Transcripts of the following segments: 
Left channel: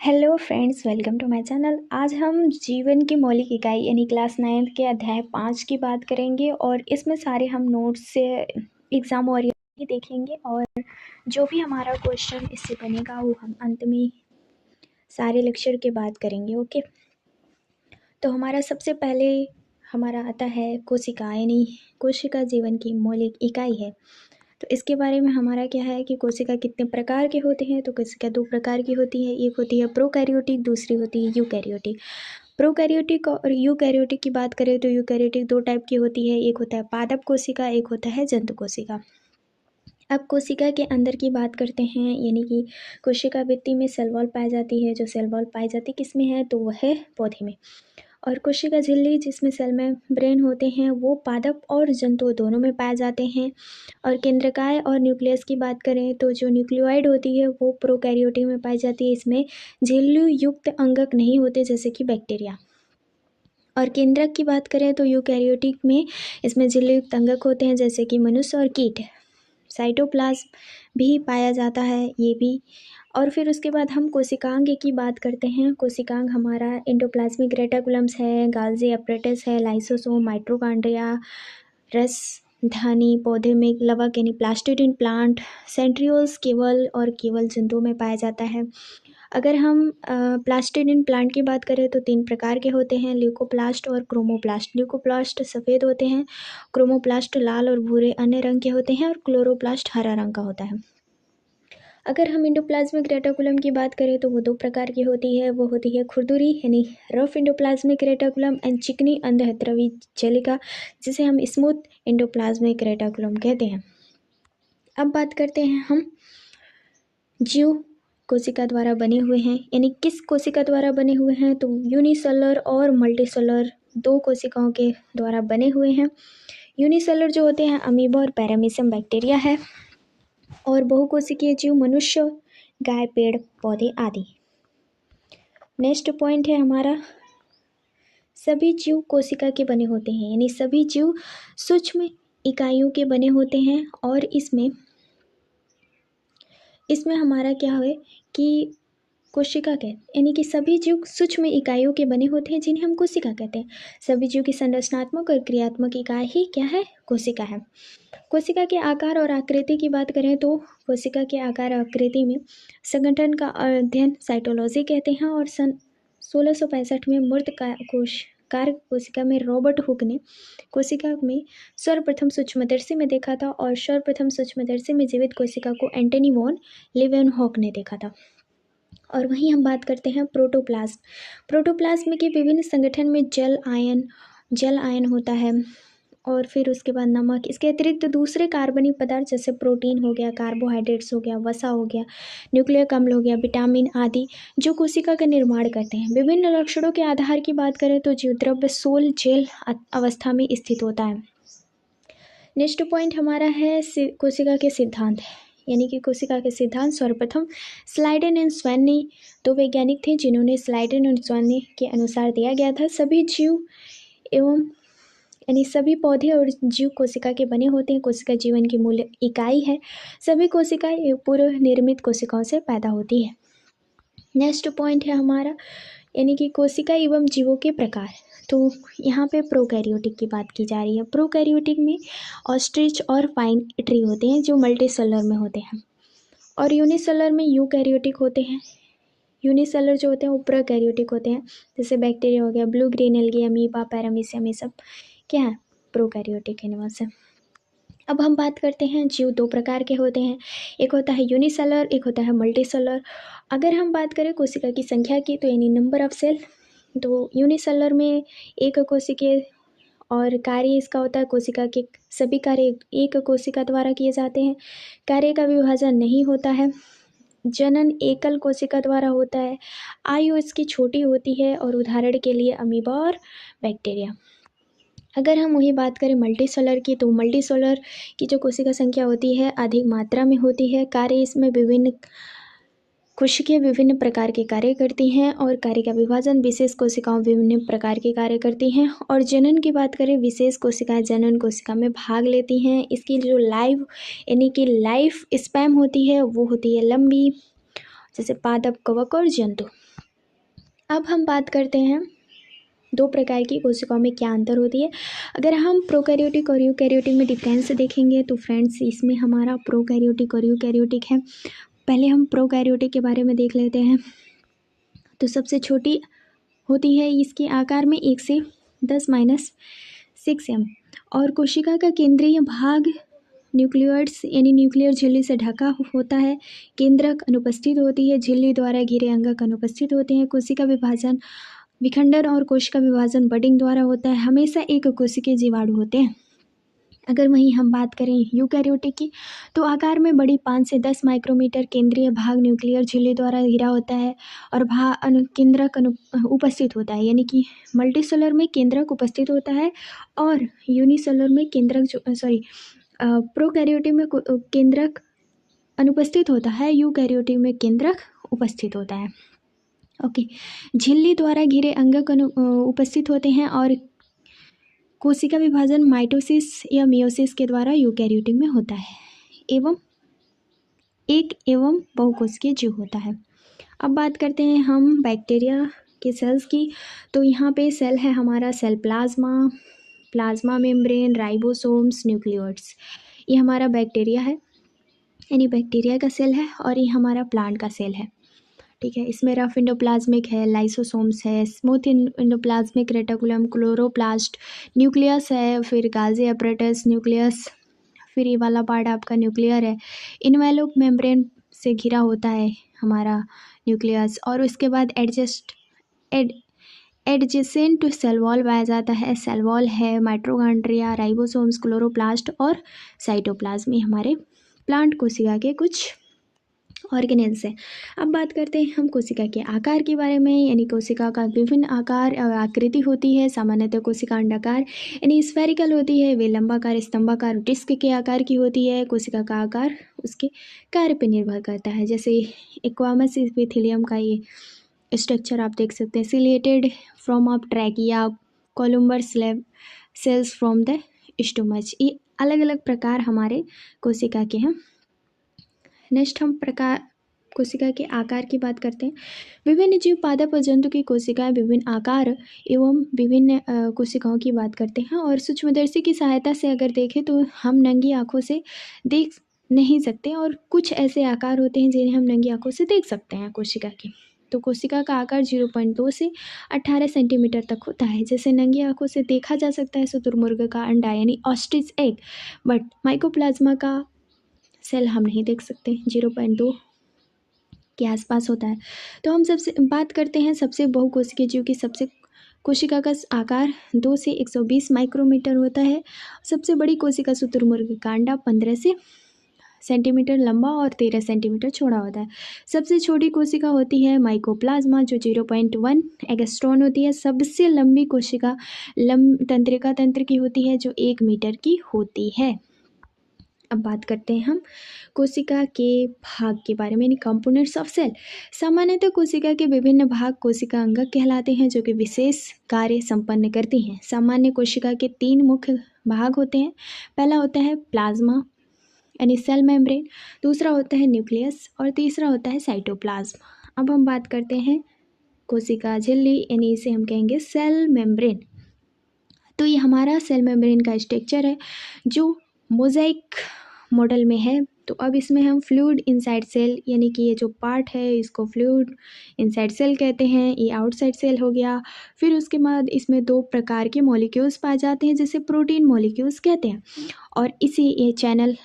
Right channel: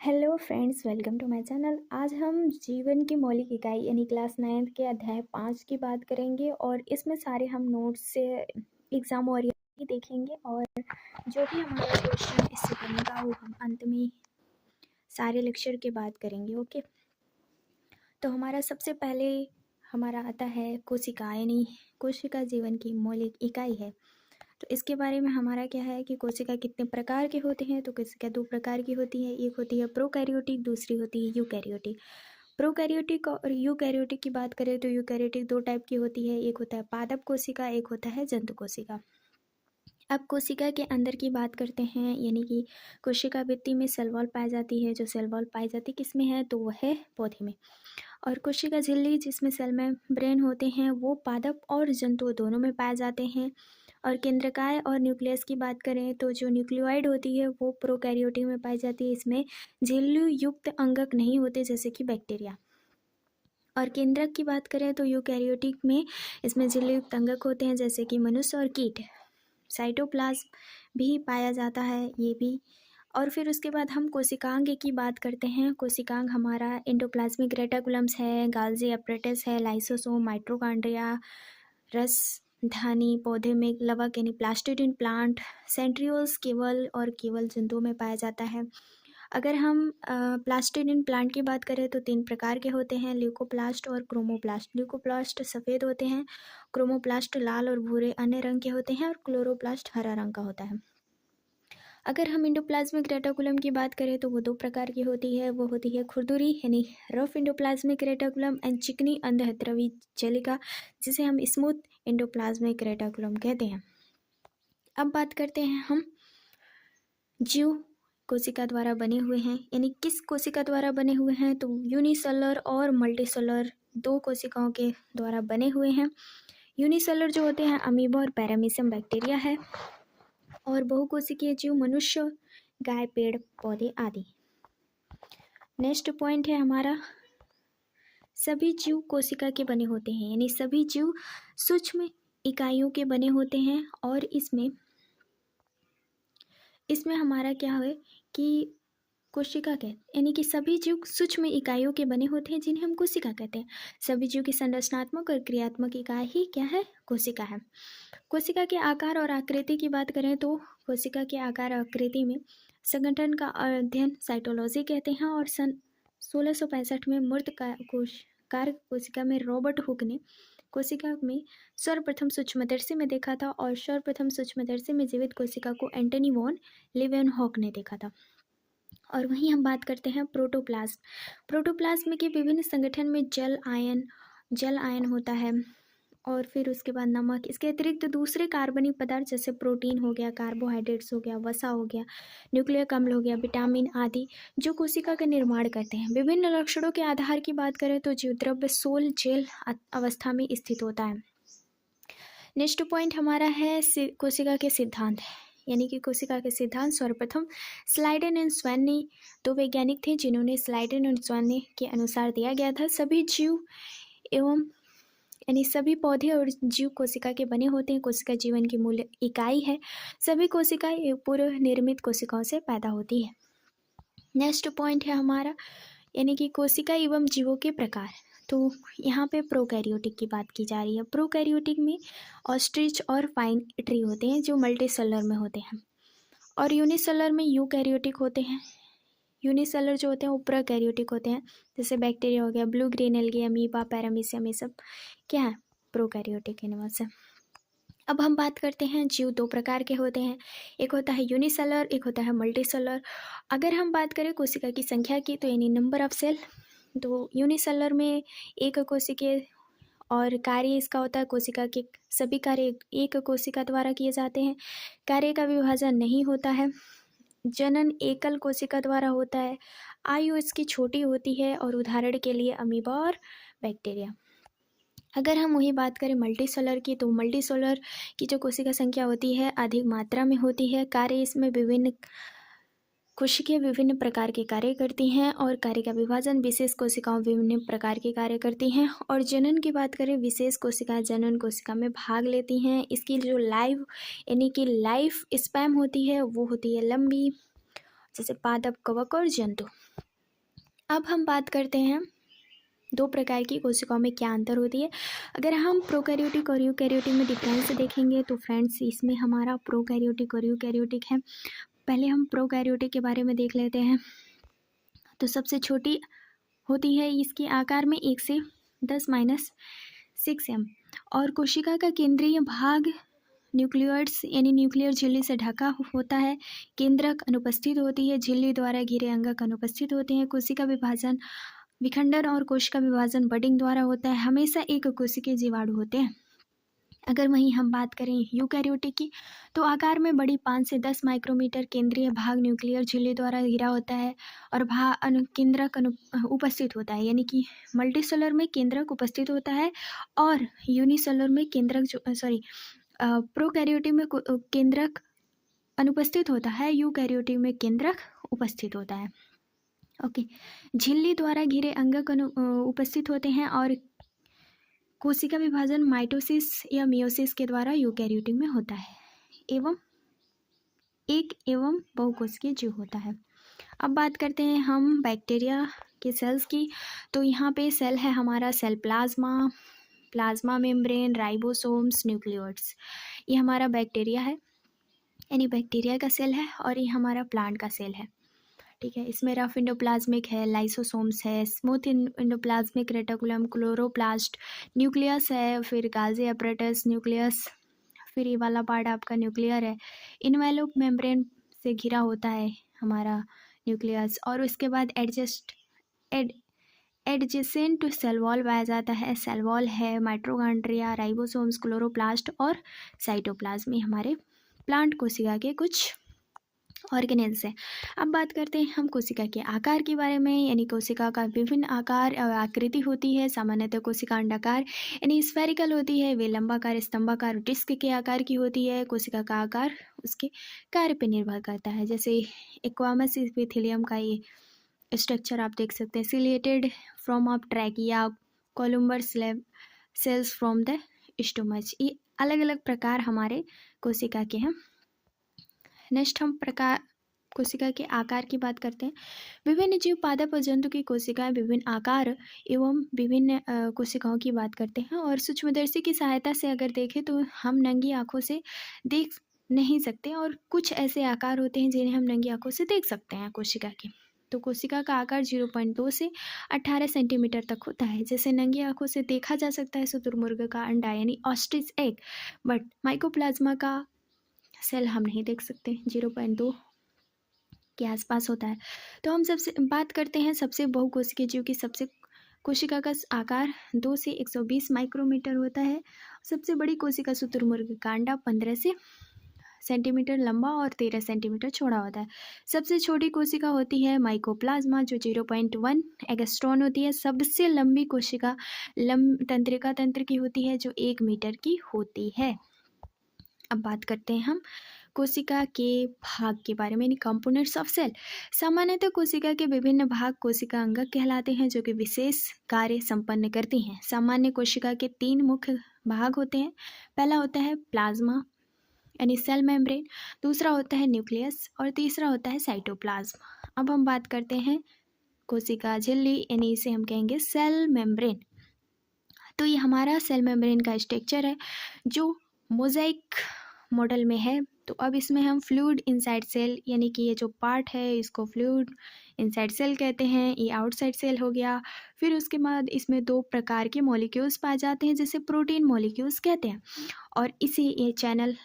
Hello friends, welcome to my channel. आज हम जीवन की मौलिक इकाई यानी क्लास 9 के अध्याय 5 की बात करेंगे और इसमें सारे हम नोट्स से एग्ज़ाम और ये देखेंगे और जो भी हमारा क्वेश्चन इससे बनेगा वो हम अंत में सारे लेक्चर के बाद करेंगे। ओके, तो हमारा सबसे पहले हमारा आता है कोशिका, यानी कोशिका जीवन की मौलिक इकाई है। तो इसके बारे में हमारा क्या है कि कोशिका कितने प्रकार के होते हैं। तो कोशिका दो प्रकार की होती है, एक होती है प्रोकैरियोटिक, दूसरी होती है यूकैरियोटिक। प्रोकैरियोटिक और यूकैरियोटिक की बात करें तो यूकैरियोटिक दो टाइप की होती है, एक होता है पादप कोशिका, एक होता है जंतु कोशिका। अब कोशिका के अंदर की बात करते हैं, यानी कि कोशिका भित्ति में सेल वॉल पाई जाती है। जो सेल वॉल पाई जाती किस में है, तो वह है पौधे में। और कोशिका झिल्ली जिसमें सेल में ब्रेन होते हैं वो पादप और जंतु दोनों में पाए जाते हैं। और केंद्रकाय और न्यूक्लियस की बात करें तो जो न्यूक्लियोइड होती है वो प्रोकैरियोटिक में पाई जाती है। इसमें झिल्ली युक्त अंगक नहीं होते जैसे कि बैक्टीरिया। और केंद्रक की बात करें तो यूकैरियोटिक में इसमें झिल्ली युक्त अंगक होते हैं जैसे कि मनुष्य और कीट। साइटोप्लाज्म भी पाया जाता है ये भी। और फिर उसके बाद हम कोशिकांग की बात करते हैं। कोशिकांग हमारा एंडोप्लाज्मिक रेटिकुलम्स है, गाल्जी अपरेटस है, लाइसोसोम, माइटोकॉन्ड्रिया, रस धानी, पौधे में लवक यानी प्लास्टिडिन प्लांट, सेंट्रियोल्स केवल और केवल जंतुओं में पाया जाता है। अगर हम प्लास्टिडिन प्लांट की बात करें तो 3 प्रकार के होते हैं, ल्यूकोप्लास्ट और क्रोमोप्लास्ट। ल्यूकोप्लास्ट सफ़ेद होते हैं, क्रोमोप्लास्ट लाल और भूरे अन्य रंग के होते हैं और क्लोरोप्लास्ट हरा रंग का होता है। अगर हम एंडोप्लाज्मिक रेटिकुलम की बात करें तो वो 2 प्रकार की होती है, वो होती है खुरदुरी यानी रफ एंडोप्लाज्मिक रेटिकुलम एंड चिकनी अंधहत्रवी जलिका जिसे हम स्मूथ एंडोप्लाज्मिक रेटिकुलम कहते हैं। अब बात करते हैं हम जीव कोशिका द्वारा बने हुए हैं, यानी किस कोशिका द्वारा बने हुए हैं, तो यूनिसेलर और मल्टीसेलर 2 कोशिकाओं के द्वारा बने हुए हैं। यूनिसेलर जो होते हैं अमीबा और पैरामीशियम बैक्टीरिया है, और बहुकोशिकीय जीव मनुष्य, गाय, पेड़ पौधे आदि। नेक्स्ट पॉइंट है हमारा, सभी जीव कोशिका के बने होते हैं, यानी सभी जीव सूक्ष्म इकाइयों के बने होते हैं। और इसमें हमारा क्या है कि कोशिका कहते यानी कि सभी जीव सूक्ष्म इकाइयों के बने होते हैं जिन्हें हम कोशिका कहते हैं। सभी जीव की संरचनात्मक और क्रियात्मक इकाई ही क्या है, कोशिका है। कोशिका के आकार और आकृति की बात करें तो कोशिका के आकार और आकृति में संगठन का अध्ययन साइटोलॉजी कहते हैं। और सन 1665 में मूर्त कार्य कोशिका में रॉबर्ट हुक ने कोशिका में सर्वप्रथम सूक्ष्मदर्शी में देखा था, और सर्वप्रथम सूक्ष्मदर्शी में जीवित कोशिका को एंटनी वॉन लीवेनहॉक ने देखा था। और वहीं हम बात करते हैं प्रोटोप्लाज्म। प्रोटोप्लाज्म के विभिन्न संगठन में जल आयन होता है, और फिर उसके बाद नमक, इसके अतिरिक्त दूसरे कार्बनिक पदार्थ जैसे प्रोटीन हो गया, कार्बोहाइड्रेट्स हो गया, वसा हो गया, न्यूक्लिक अम्ल हो गया, विटामिन आदि जो कोशिका का निर्माण करते हैं। विभिन्न लक्षणों के आधार की बात करें तो जीवद्रव्य सोल जेल अवस्था में स्थित होता है। नेक्स्ट पॉइंट हमारा है कोशिका के सिद्धांत, यानी कि कोशिका के सिद्धांत सर्वप्रथम स्लाइडेन एंड स्वैन 2 वैज्ञानिक थे जिन्होंने स्लाइडेन और स्वैन के अनुसार दिया गया था। सभी जीव एवं यानी सभी पौधे और जीव कोशिका के बने होते हैं। कोशिका जीवन की मूल इकाई है। सभी कोशिकाएं पूर्व निर्मित कोशिकाओं से पैदा होती है। नेक्स्ट पॉइंट है हमारा, यानी कि कोशिका एवं जीवों के प्रकार। तो यहाँ पे प्रोकैरियोटिक की बात की जा रही है। प्रोकैरियोटिक में ऑस्ट्रिच और फाइन ट्री होते हैं जो मल्टीसेलर में होते हैं, और यूनिसेलर में यूकैरियोटिक होते हैं। यूनिसेलर जो होते हैं वो प्रोकैरियोटिक होते हैं, जैसे बैक्टीरिया हो गया, blue green algae, amoeba, paramecium, ये सब क्या है, प्रोकैरियोटिक एनिमल्स है। अब हम बात करते हैं जीव 2 प्रकार के होते हैं, एक होता है यूनिसेलर, एक होता है मल्टीसेलर। अगर हम बात करें कोशिका की संख्या की तो यानी नंबर ऑफ सेल, तो यूनिसेलर में एक कोशिकीय और कार्य इसका होता है, कोशिका के सभी कार्य एक कोशिका द्वारा किए जाते हैं। कार्य का विभाजन नहीं होता है। जनन एकल कोशिका द्वारा होता है। आयु इसकी छोटी होती है, और उदाहरण के लिए अमीबा और बैक्टीरिया। अगर हम वही बात करें मल्टीसेलर की, तो मल्टीसेलर की जो कोशिका संख्या होती है अधिक मात्रा में होती है। कार्य इसमें विभिन्न कोशिकाएं विभिन्न प्रकार के कार्य करती हैं, और कार्य का विभाजन विशेष कोशिकाओं विभिन्न प्रकार के कार्य करती हैं। और जनन की बात करें, विशेष कोशिकाएं जनन कोशिका में भाग लेती हैं। इसकी जो यानी कि लाइफ स्पैम होती है वो होती है लंबी, जैसे पादप, कवक और जंतु। अब हम बात करते हैं दो प्रकार की कोशिकाओं में क्या अंतर होती है। अगर हम प्रोकैरियोटिक और यूकैरियोटिक में डिफरेंस देखेंगे तो फ्रेंड्स इसमें हमारा प्रोकैरियोटिक और यूकैरियोटिक है। पहले हम प्रोकैरियोटिक के बारे में देख लेते हैं। तो सबसे छोटी होती है इसके आकार में 1 से 10 - 6 m, और कोशिका का केंद्रीय भाग न्यूक्लियोइड्स यानी न्यूक्लियर झिल्ली से ढका होता है। केंद्रक अनुपस्थित होती है। झिल्ली द्वारा घिरे अंगक अनुपस्थित होते हैं। कोशिका विभाजन विखंडन और कोशिका विभाजन बडिंग द्वारा होता है। हमेशा एक कोशिकीय जीवाणु होते हैं। अगर वहीं हम बात करें यूकैरियोटिक की, तो आकार में बड़ी 5 से 10 माइक्रोमीटर, केंद्रीय भाग न्यूक्लियर झिल्ली द्वारा घिरा होता है और केंद्रक उपस्थित होता है, यानी कि मल्टीसेलर में केंद्रक उपस्थित होता है और यूनिसेलर में केंद्रक प्रोकैरियोटिक में केंद्रक अनुपस्थित होता है, यूकैरियोटिक में केंद्रक उपस्थित होता है। ओके, झिल्ली द्वारा घिरे अंगक उपस्थित होते हैं और कोशिका विभाजन माइटोसिस या मियोसिस के द्वारा यूकैरियोटिक में होता है एवं बहुकोशिकीय जीव होता है। अब बात करते हैं हम बैक्टीरिया के सेल्स की। तो यहाँ पे सेल है हमारा cell plasma membrane, ribosomes, nucleoids. ये हमारा बैक्टीरिया है, यानी बैक्टीरिया का सेल है, और ये हमारा प्लांट का सेल है। ठीक है, इसमें रफ इंडोप्लाज्मिक है, लाइसोसोम्स है, smooth endoplasmic reticulum, chloroplast, nucleus है, फिर गाल्जी अपरेटस, न्यूक्लियस, फिर ये वाला पार्ट आपका न्यूक्लियर है। इनवेलोप मेम्ब्रेन से घिरा होता है हमारा न्यूक्लियस, और उसके बाद एडजेसेंट सेल वॉल पाया जाता है। सेल वॉल है माइटोकॉन्ड्रिया, राइबोसोम्स, क्लोरोप्लास्ट और साइटोप्लाज्म। ये हमारे प्लांट कोशिका के कुछ ऑर्गेनेल्स हैं। अब बात करते हैं हम कोशिका के आकार के बारे में, यानी कोशिका का विभिन्न आकार और आकृति होती है। सामान्यतः कोशिका अंडाकार यानी स्फेरिकल होती है, वे लंबाकार, स्तंभाकार, डिस्क के आकार की होती है। कोशिका का आकार उसके कार्य पर निर्भर करता है। जैसे एक्वामस इपिथेलियम का ये स्ट्रक्चर आप देख सकते हैं, ciliated from of trachea, columnar cells from the stomach. ये अलग अलग प्रकार हमारे कोशिका के हैं। नेक्स्ट हम कोशिका के आकार की बात करते हैं। विभिन्न जीव, पादप और जंतु की कोशिकाएं विभिन्न आकार एवं विभिन्न कोशिकाओं की बात करते हैं, और सूक्ष्मदर्शी की सहायता से अगर देखें तो हम नंगी आंखों से देख नहीं सकते, और कुछ ऐसे आकार होते हैं जिन्हें हम नंगी आंखों से देख सकते हैं कोशिका के। तो कोशिका का आकार 0.2 से 18 सेंटीमीटर तक होता है। जैसे नंगी आंखों से देखा जा सकता है शुतुरमुर्ग का अंडा यानी ऑस्ट्रिच एग, बट माइकोप्लाज्मा का सेल हम नहीं देख सकते, 0.2 के आसपास होता है। तो हम सबसे बात करते हैं सबसे बहुकोशिकीय जीव की। सबसे कोशिका का आकार 2 से 120 माइक्रोमीटर होता है। सबसे बड़ी कोशिका शुतुरमुर्ग का अंडा 15 से सेंटीमीटर लंबा और 13 सेंटीमीटर चौड़ा होता है। सबसे छोटी कोशिका होती है माइकोप्लाज्मा, जो 0.1 एगस्ट्रॉन होती है। सबसे लंबी कोशिका तंत्रिका तंत्र की होती है, जो 1 मीटर की होती है। अब बात करते हैं हम कोशिका के भाग के बारे में, यानी कंपोनेंट्स ऑफ सेल। सामान्यतः कोशिका के विभिन्न भाग कोशिका अंगक कहलाते हैं, जो कि विशेष कार्य संपन्न करती हैं। सामान्य कोशिका के 3 मुख्य भाग होते हैं। पहला होता है प्लाज्मा यानी सेल मेम्ब्रेन, दूसरा होता है न्यूक्लियस, और तीसरा होता है साइटोप्लाज्म। अब हम बात करते हैं कोशिका झिल्ली, यानी इसे हम कहेंगे सेल मेम्ब्रेन। तो ये हमारा सेल मेम्ब्रेन का स्ट्रक्चर है जो मोज़ाइक मॉडल में है। तो अब इसमें हम फ्लूइड इनसाइड सेल, यानी कि ये जो पार्ट है इसको फ्लूइड इनसाइड सेल कहते हैं। ये आउटसाइड सेल हो गया। फिर उसके बाद इसमें 2 प्रकार के मॉलिक्यूल्स पाए जाते हैं, जिसे प्रोटीन मॉलिक्यूल्स कहते हैं। और ये चैनल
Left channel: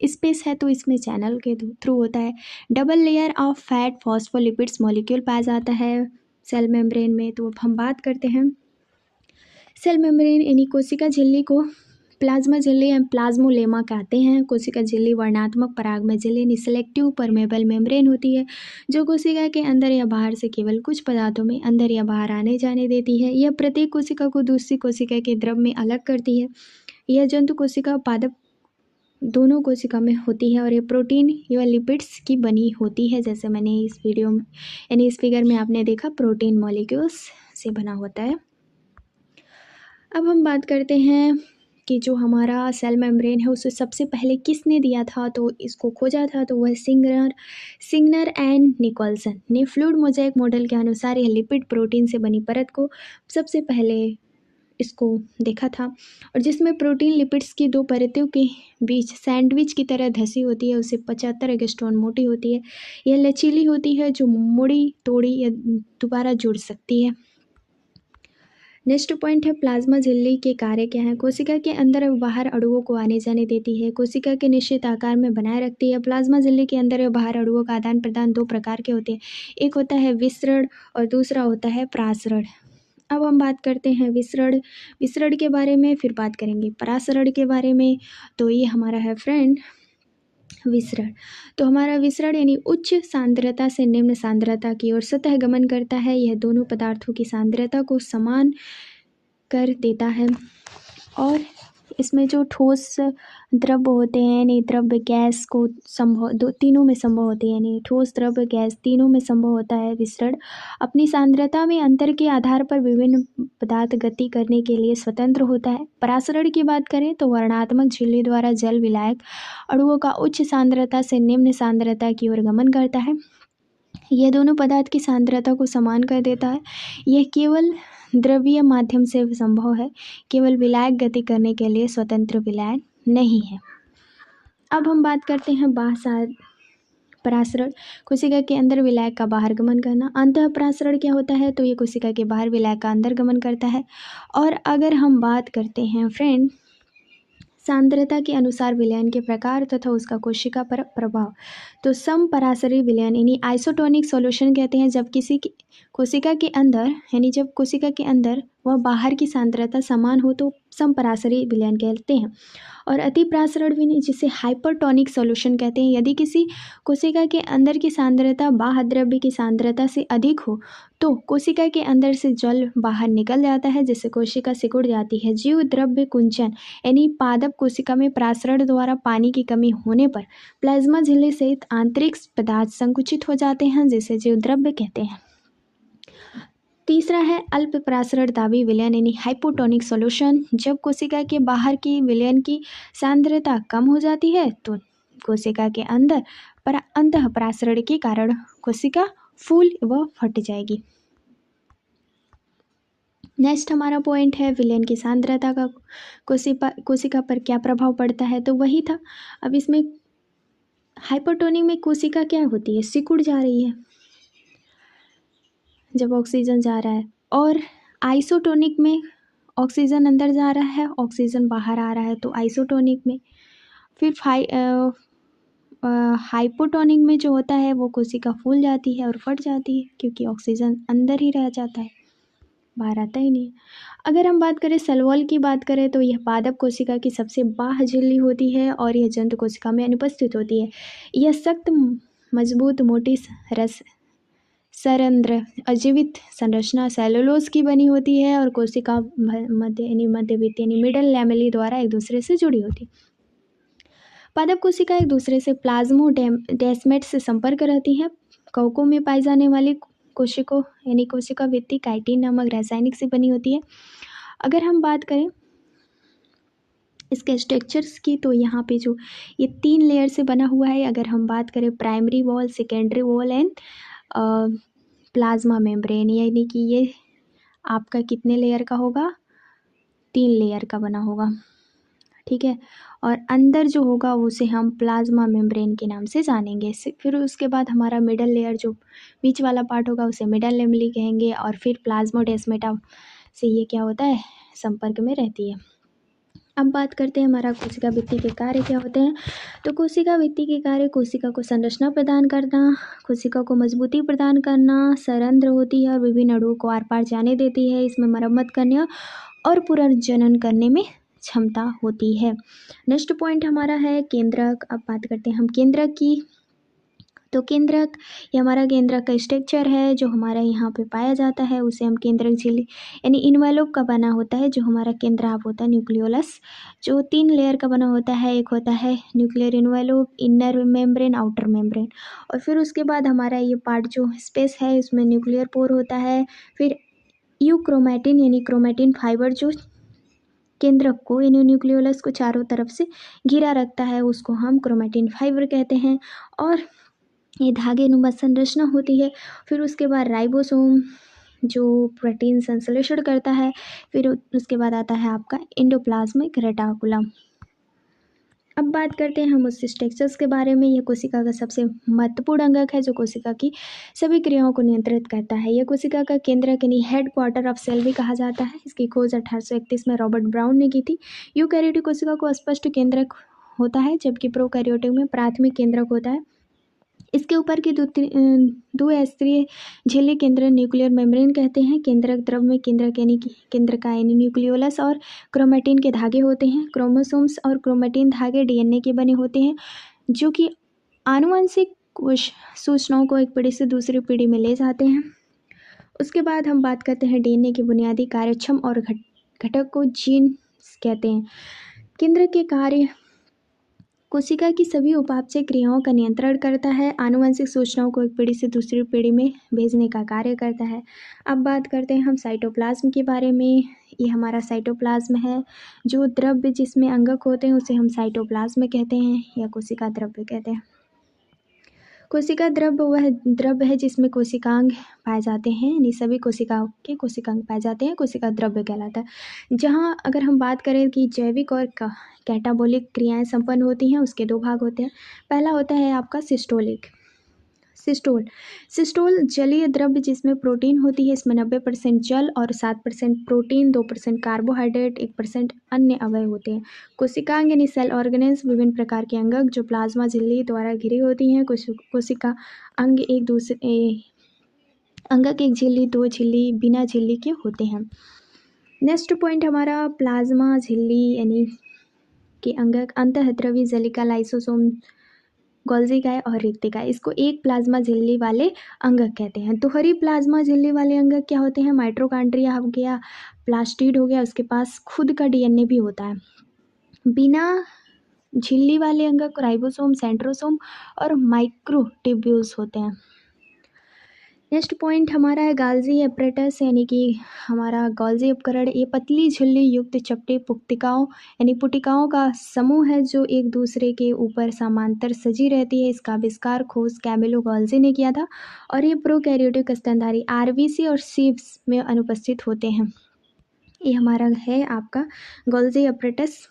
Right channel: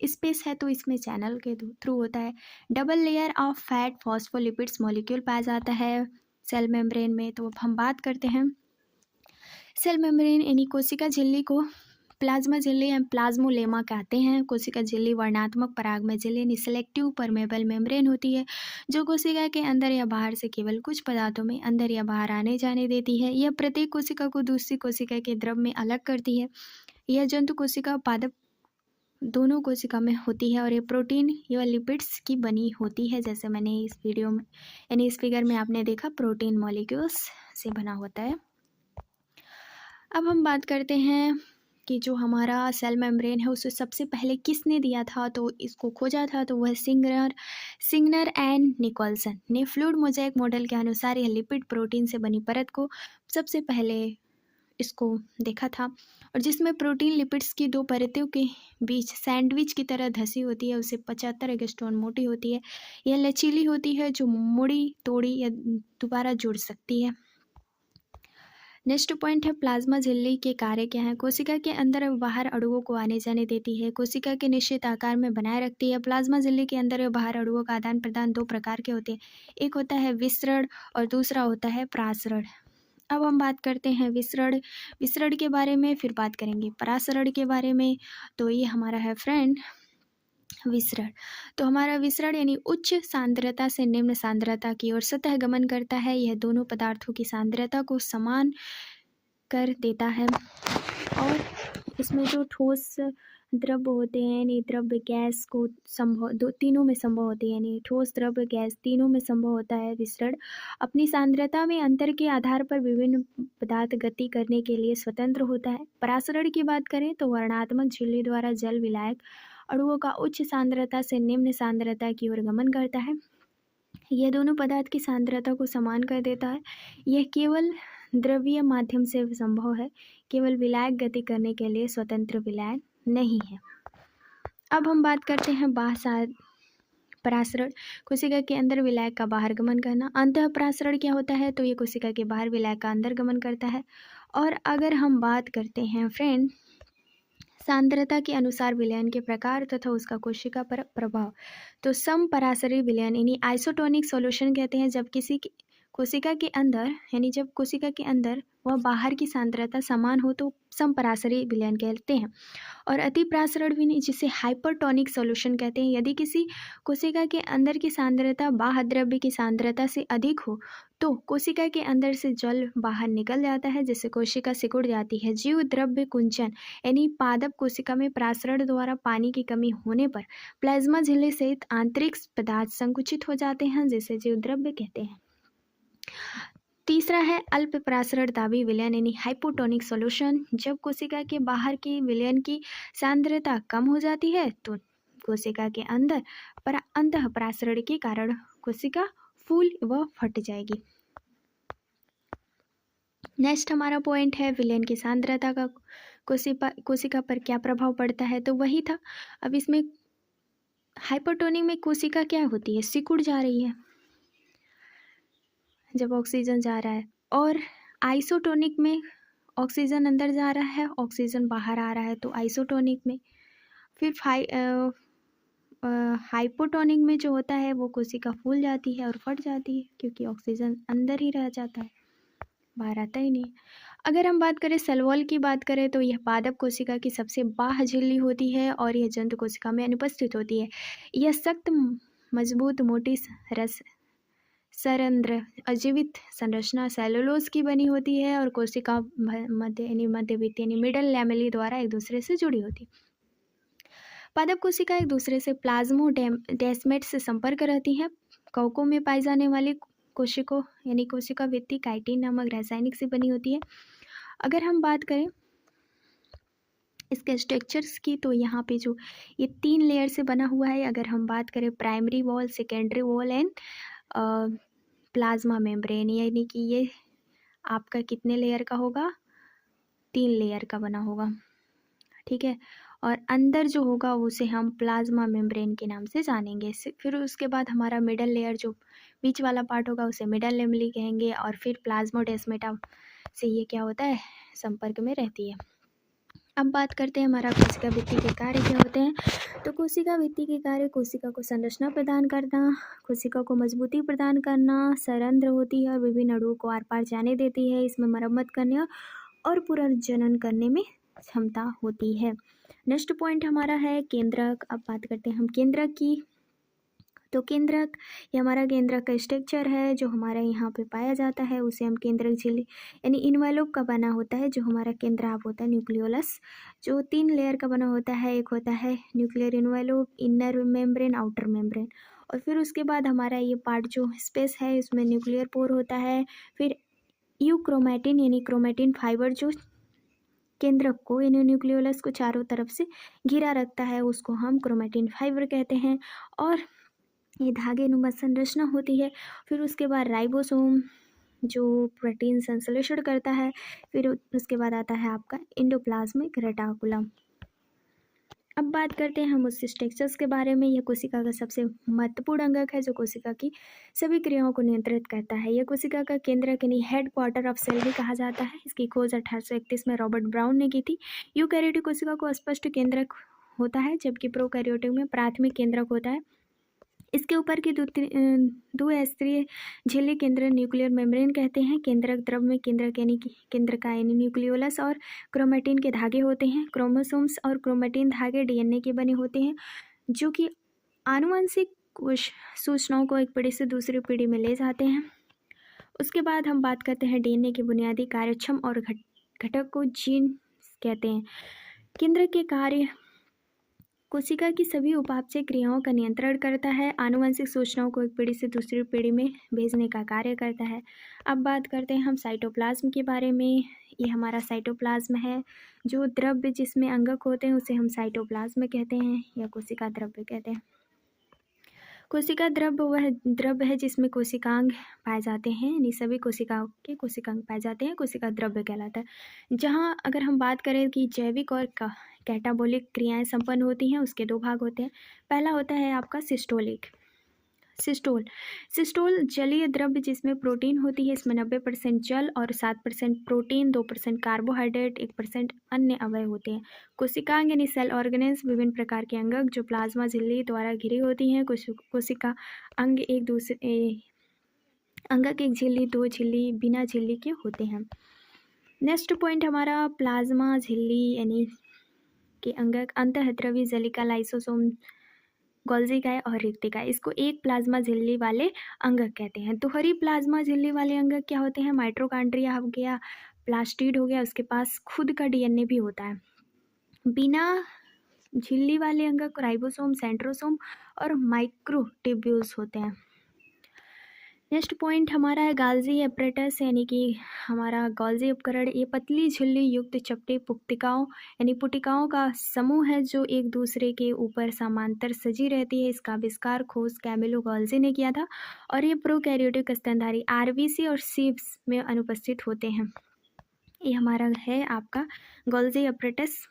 स्पेस है, तो इसमें चैनल के थ्रू होता है। Double layer of fat phospholipids molecule पाया जाता है सेल मेम्ब्रेन में। तो अब हम बात करते हैं सेल मेम्ब्रेन, यानी कोशिका झिल्ली को प्लाज्मा झिल्ली या प्लाज्मोलेमा कहते हैं। कोशिका झिल्ली वर्णात्मक परागमय झिल्ली यानी सिलेक्टिव परमेबल मेम्ब्रेन होती है, जो कोशिका के अंदर या बाहर से केवल कुछ पदार्थों में अंदर या बाहर आने जाने देती है। यह प्रत्येक कोशिका को दूसरी कोशिका के द्रव में अलग करती है। यह जंतु कोशिका पादप दोनों कोशिका में होती है, और ये प्रोटीन या लिपिड्स की बनी होती है। जैसे मैंने इस वीडियो में यानी इस फिगर में आपने देखा, प्रोटीन मॉलिक्यूल्स से बना होता है। अब हम बात करते हैं कि जो हमारा सेल मेम्ब्रेन है उसे सबसे पहले किसने दिया था, तो इसको खोजा था तो वह सिग्नर एंड निकोलसन ने फ्लूइड मोज़ेक मॉडल के अनुसार यह लिपिड प्रोटीन से बनी परत को सबसे पहले इसको देखा था, और जिसमें प्रोटीन लिपिड्स की दो परतों के बीच सैंडविच की तरह धसी होती है, उसे 75 एंगस्ट्रॉन मोटी होती है। यह लचीली होती है, जो मुड़ी तोड़ी या दोबारा जुड़ सकती है। नेक्स्ट पॉइंट है प्लाज्मा झिल्ली के कार्य क्या है। कोशिका के अंदर और बाहर अणुओं को आने जाने देती है, कोशिका के निश्चित आकार में बनाए रखती है। प्लाज्मा झिल्ली के अंदर और बाहर अणुओं का आदान प्रदान दो प्रकार के होते हैं, एक होता है विसरण और दूसरा होता है प्रासरण। अब हम बात करते हैं विसरण के बारे में, फिर बात करेंगे परासरण के बारे में। तो ये हमारा है फ्रेंड विसरण। तो हमारा विसरण यानी उच्च सांद्रता से निम्न सांद्रता की ओर सतह गमन करता है। यह दोनों पदार्थों की सांद्रता को समान कर देता है, और इसमें जो ठोस द्रव्य होते हैं यानी द्रव्य गैस को तीनों में संभव होते हैं, यानी ठोस द्रव्य गैस तीनों में संभव होता है। विसरण अपनी सांद्रता में अंतर के आधार पर विभिन्न पदार्थ गति करने के लिए स्वतंत्र होता है। परासरण की बात करें तो वर्णात्मक झिल्ली द्वारा जल विलायक अणुओं का उच्च सांद्रता से निम्न सांद्रता की ओर गमन करता है। यह दोनों पदार्थ की सांद्रता को समान कर देता है। यह केवल द्रवीय माध्यम से संभव है, केवल विलायक गति करने के लिए स्वतंत्र विलायक नहीं है। अब हम बात करते हैं बाह्य परासरण, कोशिका के अंदर विलायक का बाहर गमन करना। अंतः परासरण क्या होता है, तो ये कोशिका के बाहर विलायक का अंदर गमन करता है। और अगर हम बात करते हैं फ्रेंड सांद्रता के अनुसार विलयन के प्रकार तथा उसका कोशिका पर प्रभाव, तो समपरासरी विलयन यानी आइसोटोनिक सॉल्यूशन कहते हैं जब कोशिका के अंदर यानी जब कोशिका के अंदर व बाहर की सांद्रता समान हो तो समपरासरी विलयन कहते हैं। और अतिप्रासरण विलयन जिसे हाइपरटोनिक सॉल्यूशन कहते हैं, यदि किसी कोशिका के अंदर की सांद्रता बाह्य द्रव्य की सांद्रता से अधिक हो तो कोशिका के अंदर से जल बाहर निकल जाता है, जिससे कोशिका सिकुड़ जाती है। जीव द्रव्य कुंचन यानी पादप कोशिका में प्रासरण द्वारा पानी की कमी होने पर प्लाज्मा झिल्ली सहित आंतरिक पदार्थ संकुचित हो जाते हैं, जिसे जीव द्रव्य कहते हैं। तीसरा है अल्प प्रासरण दाबी विलयन यानी हाइपोटोनिक सॉल्यूशन। जब कोशिका के बाहर की विलयन की सांद्रता कम हो जाती है तो कोशिका के अंदर अंतः प्रासरण के कारण कोशिका फूल व फट जाएगी। नेक्स्ट हमारा पॉइंट है विलयन की सांद्रता का कोशिका पर क्या प्रभाव पड़ता है, तो वही था। अब इसमें हाइपोटोनिक में कोशिका क्या होती है, सिकुड़ जा रही है जब ऑक्सीजन जा रहा है, और आइसोटोनिक में ऑक्सीजन अंदर जा रहा है, ऑक्सीजन बाहर आ रहा है, तो आइसोटोनिक में। फिर हाइपोटोनिक में जो होता है वो कोशिका फूल जाती है और फट जाती है, क्योंकि ऑक्सीजन अंदर ही रह जाता है, बाहर आता ही नहीं। अगर हम बात करें सेल वॉल की बात करें तो यह पादप कोशिका की सबसे बाह्य झिल्ली होती है और यह जंतु कोशिका में अनुपस्थित होती है। यह सख्त मजबूत मोटी रस सरंध्र अजीवित संरचना सेलुलोज की बनी होती है और कोशिका मध्यवित्त यानी मिडल लैमेली द्वारा एक दूसरे से जुड़ी होती है। पादप कोशिका एक दूसरे से प्लाज्मोडेस्मेट से संपर्क रहती है। कवकों में पाई जाने वाली कोशिका यानी कोशिका भित्ति काइटिन नामक रासायनिक से बनी होती है। अगर हम बात करें इसके स्ट्रक्चर्स की तो यहाँ पे जो ये 3 लेयर से बना हुआ है। अगर हम बात करें primary wall, secondary wall and plasma membrane, यानी कि ये आपका कितने लेयर का होगा, 3 लेयर का बना होगा, ठीक है। और अंदर जो होगा उसे हम प्लाज्मा मेम्ब्रेन के नाम से जानेंगे। फिर उसके बाद हमारा मिडल लेयर जो बीच वाला पार्ट होगा उसे मिडल लैमेली कहेंगे, और फिर प्लाज्मोडेस्मेटा से ये क्या होता है, संपर्क में रहती है। अब बात करते हैं हमारा कोशिका भित्ति के कार्य क्या होते हैं। तो कोशिका भित्ति के कार्य कोशिका को संरचना प्रदान करना, कोशिका को मजबूती प्रदान करना, सरंध्र होती है और विभिन्न अणुओं को आर पार जाने देती है। इसमें मरम्मत करने और पुनर्जनन करने में क्षमता होती है। नेक्स्ट पॉइंट हमारा है केंद्रक। अब बात करते हैं हम केंद्रक की। तो केंद्रक ये हमारा केंद्रक का स्ट्रक्चर है जो हमारा यहाँ पे पाया जाता है, उसे हम केंद्रक झिल्ली यानी इन्वेलोप का बना होता है। जो हमारा केंद्राव होता है न्यूक्लियोलस, जो 3 लेयर का बना होता है। एक होता है nuclear envelope, inner membrane, outer membrane, और फिर उसके बाद हमारा ये पार्ट जो स्पेस है इसमें न्यूक्लियर पोर होता है। फिर यूक्रोमैटिन यानी क्रोमैटिन फाइबर जो केंद्रक को यानी न्यूक्लियोलस को चारों तरफ से घिरा रखता है, उसको हम क्रोमेटिन फाइबर कहते हैं। और ये धागेनुमा संरचना होती है। फिर उसके बाद राइबोसोम जो प्रोटीन संश्लेषण करता है। फिर उसके बाद आता है आपका एंडोप्लाज्मिक रेटिकुलम। अब बात करते हैं हम उस स्ट्रक्चर्स के बारे में। यह कोशिका का सबसे महत्वपूर्ण अंगक है जो कोशिका की सभी क्रियाओं को नियंत्रित करता है। यह कोशिका का केंद्रक यानी हेड क्वार्टर ऑफ सेल भी कहा जाता है। इसकी खोज 1831 में रॉबर्ट ब्राउन ने की थी। यूकैरियोटिक कोशिका को स्पष्ट केंद्रक होता है जबकि प्रोकैरियोटिक में प्राथमिक केंद्रक होता है। इसके ऊपर की दो स्तरीय झिल्ली केंद्र न्यूक्लियर मेम्ब्रेन कहते हैं। केंद्रक द्रव में केंद्रक यानी कि केंद्रका यानी न्यूक्लियोलस और क्रोमेटिन के धागे होते हैं। क्रोमोसोम्स और क्रोमेटिन धागे डीएनए के बने होते हैं जो कि आनुवंशिक सूचनाओं को एक पीढ़ी से दूसरी पीढ़ी में ले जाते हैं। उसके बाद हम बात करते हैं डीएनए की बुनियादी कार्यक्षम और घटक को जीन कहते हैं। केंद्रक के कार्य कोशिका की सभी उपापचय क्रियाओं का नियंत्रण करता है, आनुवंशिक सूचनाओं को एक पीढ़ी से दूसरी पीढ़ी में भेजने का कार्य करता है। अब बात करते हैं हम साइटोप्लाज्म के बारे में। ये हमारा साइटोप्लाज्म है। जो द्रव्य जिसमें अंगक होते हैं उसे हम साइटोप्लाज्म कहते हैं या कोशिका द्रव्य कहते हैं। कोशिका द्रव्य वह द्रव्य है जिसमें कोशिकांग पाए जाते हैं, यानी सभी कोशिकाओं के कोशिकांग पाए जाते हैं, कोशिका द्रव्य कहलाता है। जहाँ अगर हम बात करें कि जैविक और कैटाबोलिक क्रियाएं संपन्न होती हैं, उसके दो भाग होते हैं। पहला होता है आपका सिस्टोल जलीय द्रव्य जिसमें प्रोटीन होती है। इसमें 90% जल और 7% प्रोटीन, 2% कार्बोहाइड्रेट, 1% अन्य अवयव होते हैं। कोशिकांग यानी सेल ऑर्गेनेल्स विभिन्न प्रकार के अंगक जो प्लाज्मा झिल्ली द्वारा घिरी होती हैं। कोशिका अंग एक दूसरे अंगक एक झिल्ली, दो झिल्ली, बिना झिल्ली के होते हैं। नेक्स्ट पॉइंट हमारा प्लाज्मा झिल्ली यानी कि अंगक अंतःद्रवी जलिका, लाइसोसोम, गोल्जिकाए और रिक्तिकाए, इसको एक प्लाज्मा झिल्ली वाले अंगक कहते हैं। दोहरी प्लाज्मा झिल्ली वाले अंगक क्या होते हैं? माइटोकॉन्ड्रिया हो गया, प्लास्टिड हो गया, उसके पास खुद का डीएनए भी होता है। बिना झिल्ली वाले अंगक राइबोसोम, सेंट्रोसोम और माइक्रोट्यूब्यूल्स होते हैं। नेक्स्ट पॉइंट हमारा है गाल्जी एपरेटस यानी कि हमारा गोल्जी उपकरण। ये पतली झिल्ली युक्त चपटी पुटिकाओं का समूह है जो एक दूसरे के ऊपर समांतर सजी रहती है। इसका आविष्कार खोज कैमिलो गोल्जी ने किया था और ये प्रोकैरियोटिक स्तनधारी आरबीसी और सीव्स में अनुपस्थित होते हैं। ये हमारा है आपका गोल्जी एपरेटस।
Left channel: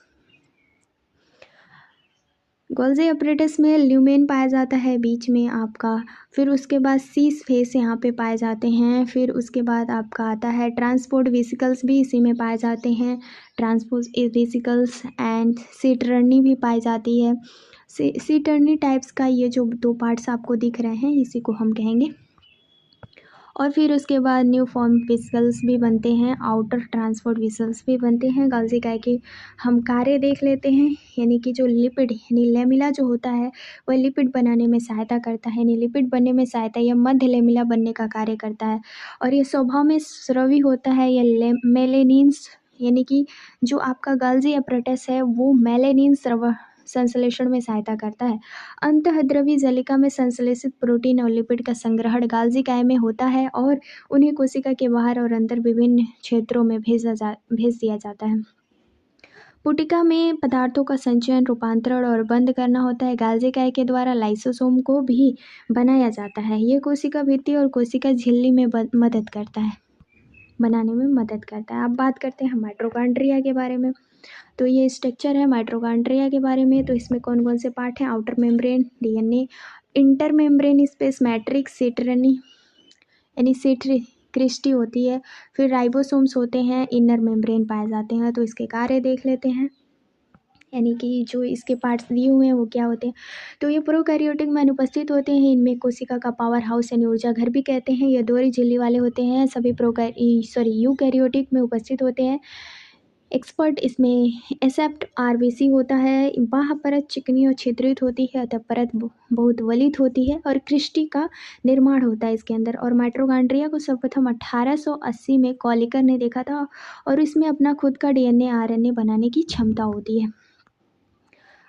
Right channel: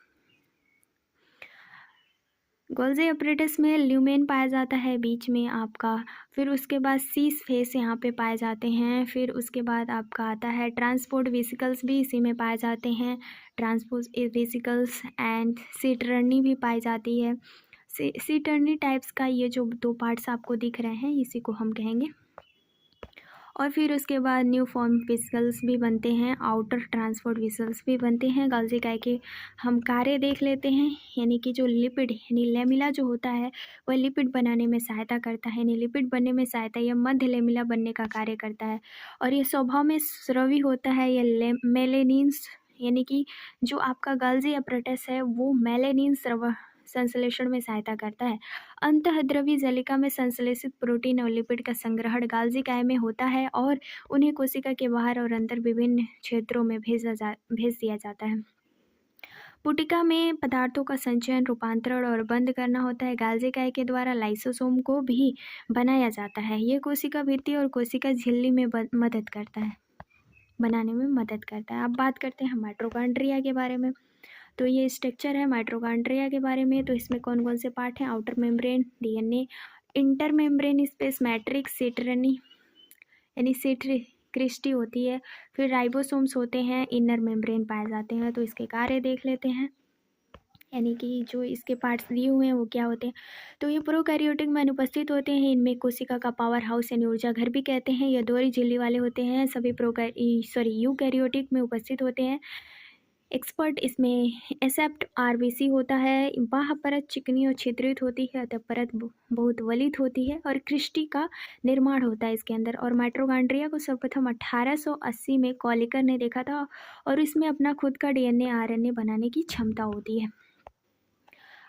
गोल्जी एपरेटस में ल्यूमेन पाया जाता है बीच में आपका। फिर उसके बाद सीस फेस यहाँ पे पाए जाते हैं। फिर उसके बाद आपका आता है ट्रांसपोर्ट वेसिकल्स भी इसी में पाए जाते हैं। ट्रांसपोर्ट वेसिकल्स एंड सीटर्नी भी पाई जाती है। सीटर्नी टाइप्स का ये जो दो पार्ट्स आपको दिख रहे हैं इसी को हम कहेंगे। और फिर उसके बाद न्यू फॉर्म वेसिकल्स भी बनते हैं, आउटर ट्रांसपोर्ट वेसल्स भी बनते हैं। गोल्जिकाए के हम कार्य देख लेते हैं, यानी कि जो लिपिड यानी लेमिला जो होता है वह लिपिड बनाने में सहायता करता है, यानी लिपिड बनने में सहायता यह मध्य लेमिला बनने का कार्य करता है। और यह स्वभाव में स्रवी होता है। यह मेलेनिन्स यानी कि जो आपका गोल्जी एपरेटस है वो मेलेनिन स्रव संश्लेषण में सहायता करता है। अंतःद्रवी जलिका में संश्लेषित प्रोटीन और लिपिड का संग्रहण गोल्जिकाए में होता है और उन्हें कोशिका के बाहर और अंदर विभिन्न क्षेत्रों में भेज दिया जाता है। पुटिका में पदार्थों का संचयन, रूपांतरण और बंद करना होता है। गोल्जिकाए के द्वारा लाइसोसोम को भी बनाया जाता है। ये कोशिका भित्ति और कोशिका झिल्ली में मदद करता है, बनाने में मदद करता है। अब बात करते हैं माइटोकॉन्ड्रिया के बारे में। तो ये स्ट्रक्चर है माइटोकॉन्ड्रिया के बारे में। तो इसमें कौन कौन से पार्ट हैं? Outer membrane DNA, inter membrane space matrix, सीटरनी यानी सीटरी क्रिस्टी होती है। फिर राइबोसोम्स होते हैं, इनर मेम्ब्रेन पाए जाते हैं। तो इसके कार्य देख लेते हैं, यानी कि जो इसके पार्ट्स दिए हुए हैं वो क्या होते हैं। तो ये प्रोकैरियोटिक में अनुपस्थित होते हैं। इनमें कोशिका का पावर हाउस यानी ऊर्जा घर भी कहते हैं। ये दोहरी झिल्ली वाले होते हैं। सभी यूकैरियोटिक में उपस्थित होते हैं। एक्सपर्ट इसमें एसेप्ट आरबीसी होता है। बाह्य परत चिकनी और छिद्रित होती है, अतः परत बहुत वलित होती है और क्रिस्टी का निर्माण होता है इसके अंदर। और माइटोकॉन्ड्रिया को सर्वप्रथम 1880 में कॉलिकर ने देखा था और इसमें अपना खुद का डीएनए आरएनए बनाने की क्षमता होती है।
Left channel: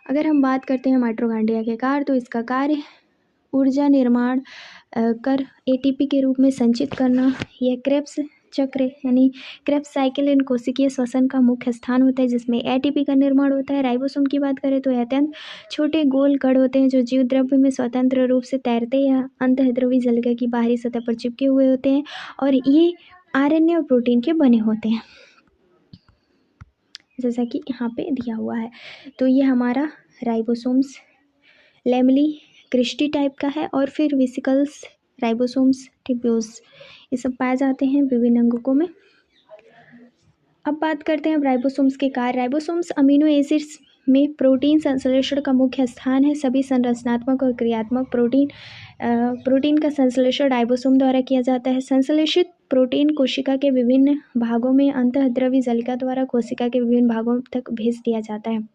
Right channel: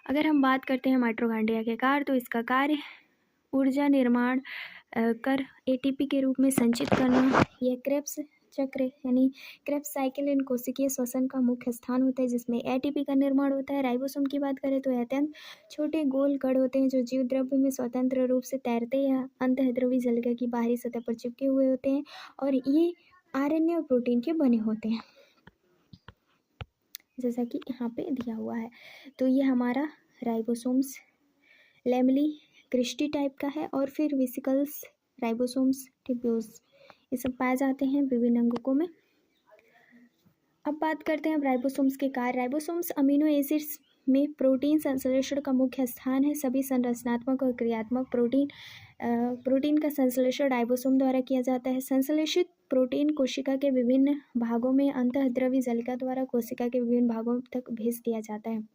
अगर हम बात करते हैं माइटोकॉन्ड्रिया के कार्य, तो इसका कार्य ऊर्जा निर्माण कर एटीपी के रूप में संचित करना। यह क्रेब्स चक्र यानी क्रेब्स साइकिल इन कोशिकीय श्वसन का मुख्य स्थान होता है, जिसमें एटीपी का निर्माण होता है। राइबोसोम की बात करें तो ये अत्यंत छोटे गोल कण होते हैं जो जीव द्रव्य में स्वतंत्र रूप से तैरते या अंतःद्रवी जालिका की बाहरी सतह पर चिपके हुए होते हैं, और ये आरएनए और प्रोटीन के बने होते हैं, जैसा कि यहाँ पे दिया हुआ है। तो ये हमारा राइबोसोम्स लेमली क्रिस्टी टाइप का है, और फिर वेसिकल्स, राइबोसोम्स, ट्यूब्यूल्स, ये सब पाए जाते हैं विभिन्न अंगकों में। अब बात करते हैं राइबोसोम्स के कार्य। राइबोसोम्स अमीनो एसिड्स में प्रोटीन संश्लेषण का मुख्य स्थान है। सभी संरचनात्मक और क्रियात्मक प्रोटीन का संश्लेषण राइबोसोम द्वारा किया जाता है। संश्लेषित प्रोटीन कोशिका के विभिन्न भागों में अंतःद्रवी जालिका द्वारा कोशिका के विभिन्न भागों तक भेज दिया जाता है।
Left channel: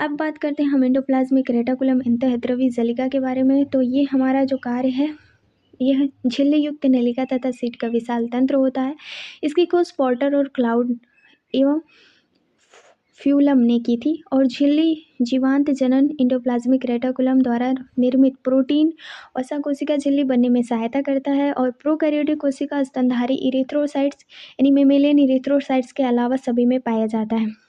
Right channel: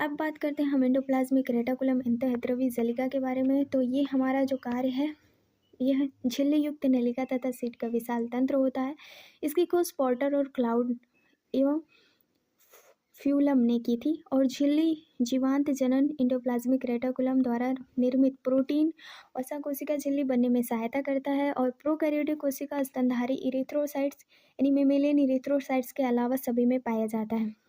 अब बात करते हैं हम एंडोप्लाज्मिक रेटिकुलम अंतःद्रवी जालिका के बारे में। तो ये हमारा जो कार्य है, यह झिल्ली युक्त नलिका तथा सीट का विशाल तंत्र होता है। इसकी खोज पॉटर और क्लाउड एवं फ्यूलम ने की थी, और झिल्ली जीवांत जनन एंडोप्लाज्मिक रेटिकुलम द्वारा निर्मित प्रोटीन वसा कोशिका झिल्ली बनने में सहायता करता है, और प्रोकैरियोटिक कोशिका स्तनधारी इरिथ्रोसाइट्स यानी मेमेलियन इरिथ्रोसाइट्स के अलावा सभी में पाया जाता है।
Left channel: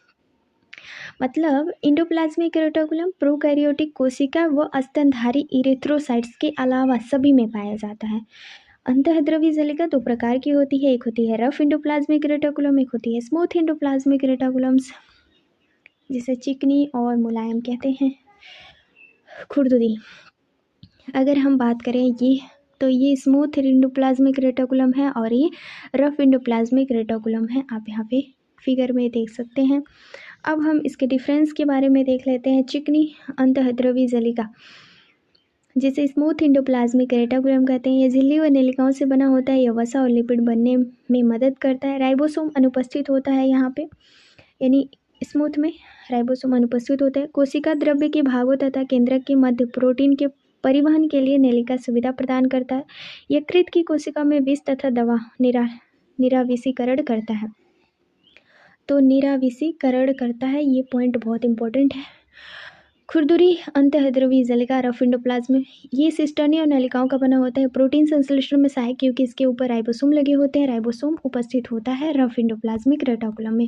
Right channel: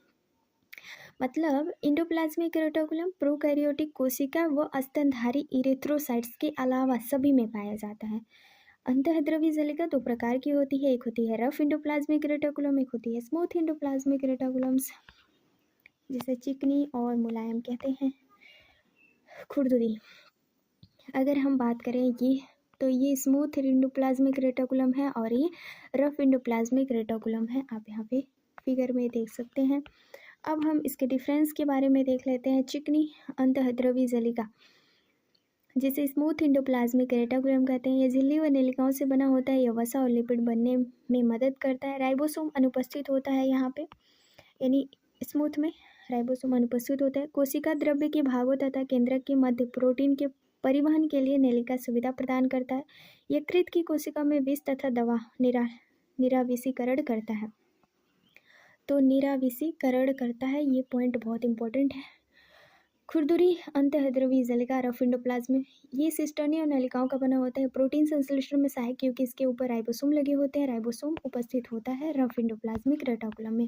मतलब एंडोप्लाज्मिक रेटिकुलम प्रोकैरियोटिक कोशिका व स्तनधारी इरिथ्रोसाइट्स के अलावा सभी में पाया जाता है। अंतःद्रवी जालिका दो प्रकार की होती है, एक होती है रफ एंडोप्लाज्मिक रेटिकुलम, एक होती है स्मूथ एंडोप्लाज्मिक रेटिकुलम्स, जिसे चिकनी और मुलायम कहते हैं, खुरदुरी। अगर हम बात करें ये, तो ये स्मूथ एंडोप्लाज्मिक रेटिकुलम है और ये रफ एंडोप्लाज्मिक रेटिकुलम है, आप यहाँ पे फिगर में देख सकते हैं। अब हम इसके डिफरेंस के बारे में देख लेते हैं। चिकनी अंतःद्रवी जालिका, जिसे स्मूथ एंडोप्लाज्मिक रेटिकुलम कहते हैं, यह झिल्ली व नलिकाओं से बना होता है। यह वसा और लिपिड बनने में मदद करता है। राइबोसोम अनुपस्थित होता है यहाँ पे, यानी स्मूथ में राइबोसोम अनुपस्थित होता है। कोशिका द्रव्य के भागों तथा केंद्रक के मध्य प्रोटीन के परिवहन के लिए नलिका सुविधा प्रदान करता है। यकृत की कोशिका में विष तथा दवा निराविषीकरण करता है। तो निराविषीकरण करता है, ये पॉइंट बहुत इंपॉर्टेंट है। खुरदुरी अंतःद्रवी जालिका रफ एंडोप्लाज्म, ये सिस्टर्नी और नलिकाओं का बना होता है। प्रोटीन संश्लेषण में सहायक क्योंकि इसके ऊपर राइबोसोम लगे होते हैं। राइबोसोम उपस्थित होता है रफ एंडोप्लाज्मिक रेटिकुलम में।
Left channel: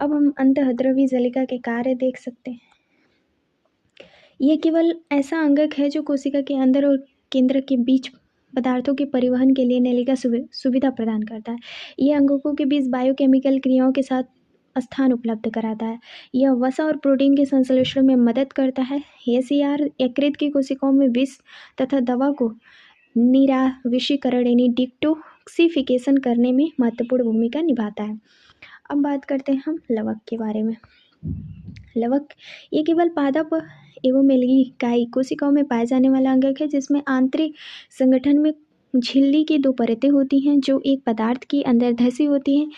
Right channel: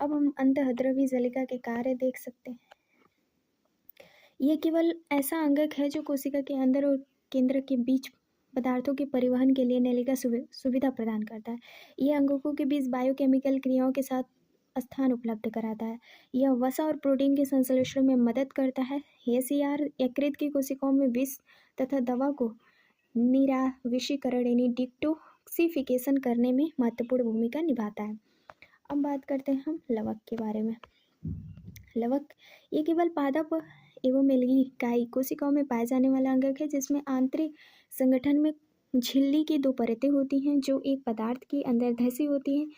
अब हम अंतःद्रवी जालिका के कार्य देख सकते हैं। यह केवल ऐसा अंगक है जो कोशिका के अंदर और केंद्र के बीच पदार्थों के परिवहन के लिए नलिका सुविधा प्रदान करता है। यह अंगकों के बीच बायोकेमिकल क्रियाओं के साथ स्थान उपलब्ध कराता है। यह वसा और प्रोटीन के संश्लेषण में मदद करता है। एसीआर यकृत की कोशिकाओं में विष तथा दवा को निराविषीकरण यानी डिटॉक्सिफिकेशन करने में महत्वपूर्ण भूमिका निभाता है। अब बात करते हैं हम लवक के बारे में। लवक ये केवल पादप एवं मेलगी कोशिकाओं में पाए जाने वाला अंगक है, जिसमें आंतरिक संगठन में झिल्ली की दो परतें होती हैं जो एक पदार्थ की अंदर धसी होती हैं।